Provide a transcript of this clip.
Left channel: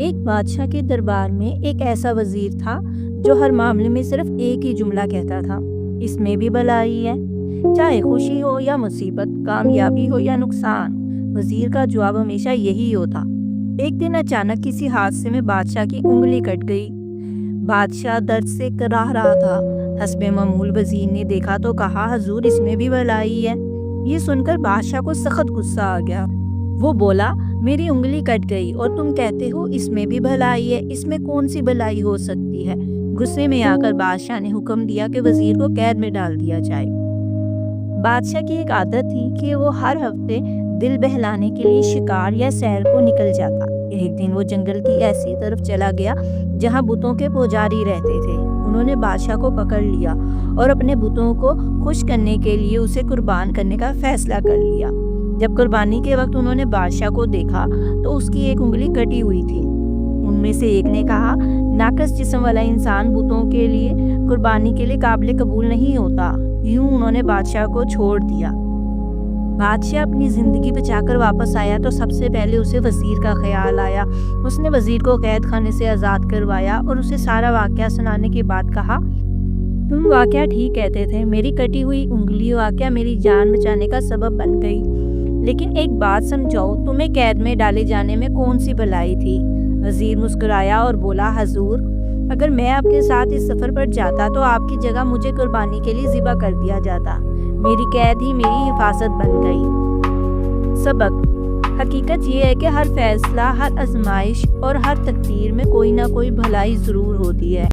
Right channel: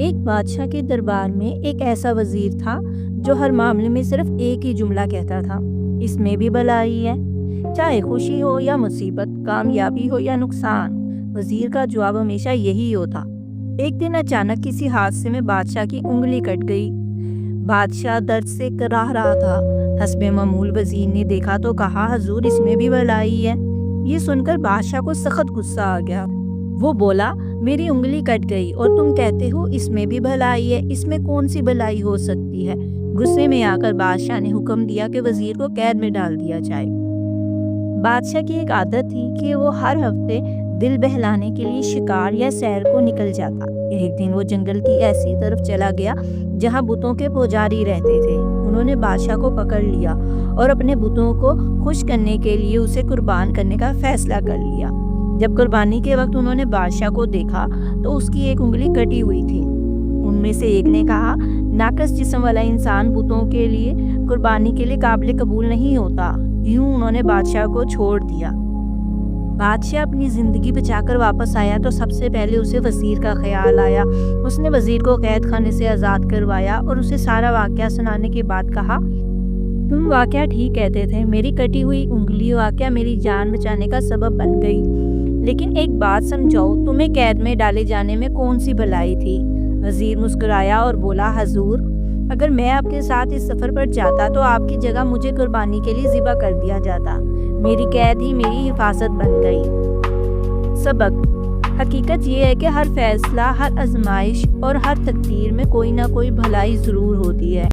ایک بادشاہ کے دربار میں ایک ایسا وزیر تھا جو ہر معاملے میں صرف ایک ہی جملہ کہتا تھا، اس میں بھی بھلائی ہے۔ چاہے خوشی ہو یا مصیبت، کامیابی ہو یا نقصان، وزیر کا جواب ہمیشہ یہی ہوتا۔ ایک دن اچانک کسی حادثے میں بادشاہ کی انگلی کٹ گئی۔ بادشاہ درد سے کراہ رہا تھا۔ حسب معمول وزیر نے دیکھا تو کہا، حضور اس میں بھی بھلائی ہے۔ یہ سن کر بادشاہ کو سخت غصہ آ گیا۔ وہ بولا، میری انگلی کٹ گئی اور تم کہتے ہو اس میں بھی بھلائی ہے، اس میں کون سی بھلائی ہو سکتی ہے؟ غصے میں آ کر بادشاہ نے حکم دیا کہ وزیر کو قید میں ڈال دیا جائے۔ بادشاہ کی ایک عادت تھی کہ وہ ہر ہفتے دل بہلانے کے لیے شکار یا سیر کو نکل جاتا۔ ایک دن وہ جنگل کی ایسی طرف چلا گیا جہاں بتوں کے پجاری رہتے تھے۔ انہوں نے بادشاہ کو پکڑ لیا اور اپنے بتوں کو خوش کرنے کے لیے اسے قربان کرنے کا فیصلہ کر لیا۔ جب قربانی کے وقت انہوں نے بادشاہ کو دیکھا تو اس کی ایک انگلی کٹی ہوئی تھی۔ ان میں سے ایک نے کہا، ناقص جسم والا انسان بتوں کے لیے قربانی کے لیے قابل قبول نہیں ہوتا۔ یوں انہوں نے بادشاہ کو چھوڑ دیا۔ بادشاہ اپنی زندگی بچا کر واپس آیا تو سب سے پہلے اسے وزیر کا خیال آیا۔ اس نے وزیر کو قید خانے سے آزاد کروایا اور اسے سارا واقعہ سنانے کے بعد کہا، تم واقعہ ٹھیک کہتے تھے، میری کٹی ہوئی انگلی واقعہ میری جان بچانے کا سبب بن گئی، لیکن ایک بات سمجھاؤ، تمہیں قید میں ڈالے جانے میں کون سی بھلائی تھی؟ وزیر مسکرایا اور بولا، حضور اگر میں آپ کے ساتھ اس سفر پر جاتا تو آپ کی جگہ مجھے قربانی کے لیے ذبح کر دیا جاتا۔ میری قید ہی میری حفاظت بن گئی۔ سبق: حقیقت یہ ہے کہ ہر فیصلہ، ہر آزمائش اور ہر تقدیر میں کوئی نہ کوئی بھلائی ضرور ہوتی ہے۔